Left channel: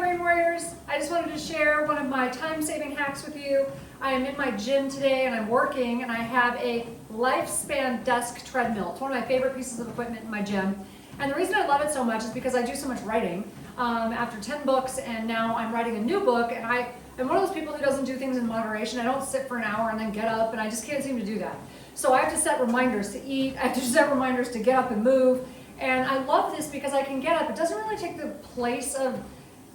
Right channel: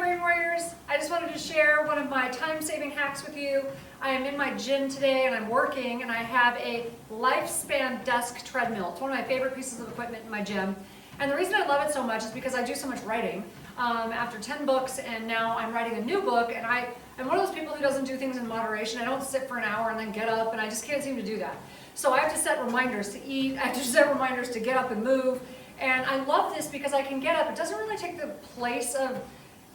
Brain Warriors. I just wanted to share one of my time-saving hacks with you. I am in my gym today and I'm working, and I have a Lifespan desk treadmill. It's one of my favorite pieces of equipment in my gym. And the reason I love it so much is because I do so much writing. After 10 books, and now I'm writing a new book, and I'm one of those people who doesn't do things in moderation. I don't sit for an hour and then get up, and I just can't seem to do that. So I have to set reminders to eat, I have to set reminders to get up and move. And I love this because I can get up. It doesn't really take the place of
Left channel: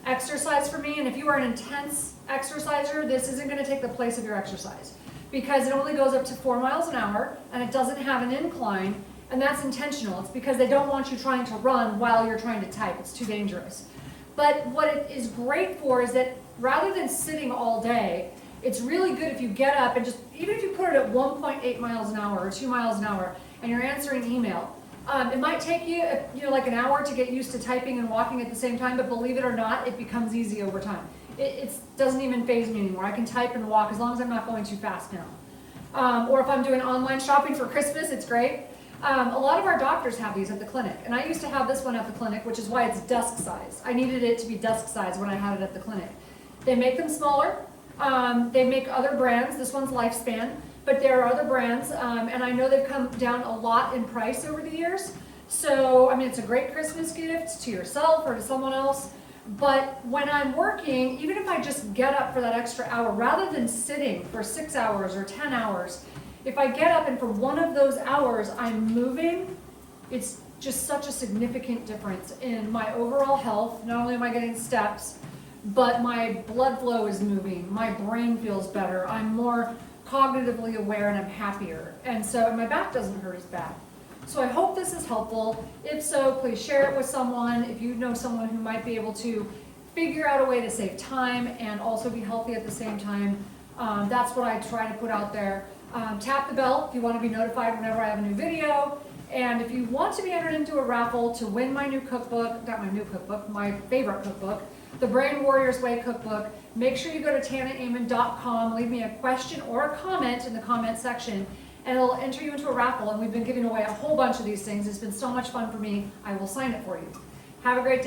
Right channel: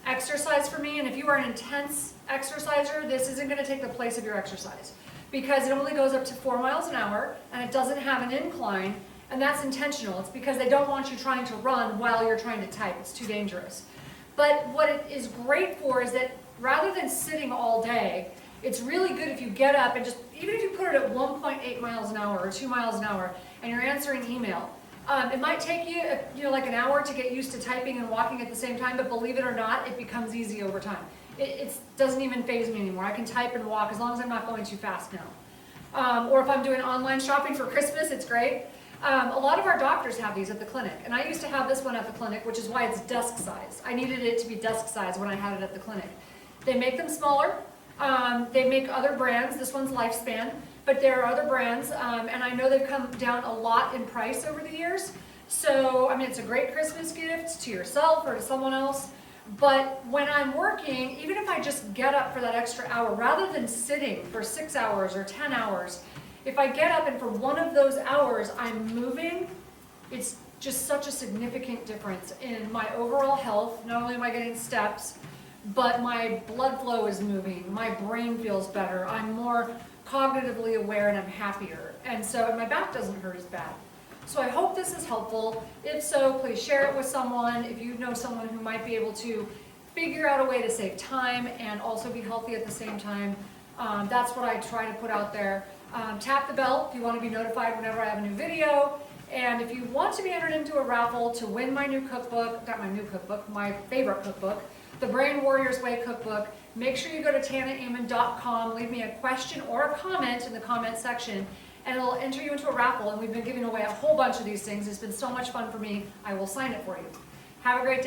exercise for me, and if you are an intense exerciser, this isn't going to take the place of your exercise because it only goes up to 4 miles an hour and it doesn't have an incline, and that's intentional. It's because they don't want you trying to run while you're trying to type. It's too dangerous. But what it is great for is that rather than sitting all day, it's really good if you get up and just, even if you put it at 1.8 miles an hour or 2 miles an hour and you're answering email. It might take you, like an hour to get used to typing and walking at the same time, but believe it or not, it becomes easy over time. It doesn't even faze me anymore. I can type and walk as long as I'm not going too fast now. Or if I'm doing online shopping for Christmas, it's great. A lot of our doctors have these at the clinic, and I used to have this one at the clinic, which is why it's desk size. I needed it to be desk size when I had it at the clinic. They make them smaller. They make other brands. This one's Lifespan. But there are other brands, and I know they've come down a lot in price over the years. So, I mean, it's a great Christmas gift to yourself or to someone else. But when I'm working, even if I just get up for that extra hour, rather than sitting for 6 hours or 10 hours, if I get up and for one of those hours I'm moving, it's just such a significant difference in my overall health. Not only am I getting steps, but my blood flow is moving, my brain feels better, I'm more cognitively aware, and I'm happier. And my back doesn't hurt as bad. So I hope this is helpful. If so, please share it with someone. If you know someone who might be able to figure out a way to save time and also be healthy at the same time, that's what I try to put out there. Tap the bell if you want to be notified whenever I have a new video. And if you want to be entered into a raffle to win my new cookbook, not my new cookbook, my favorite cookbook, the Brain Warriors Way cookbook, make sure you go to tanaamen.com, leave me a question or a comment in the comment section, and it'll enter you into a raffle. And we've been giving away a whole bunch of these things. It's been so much fun for me. I will sign it for you. Have a great day.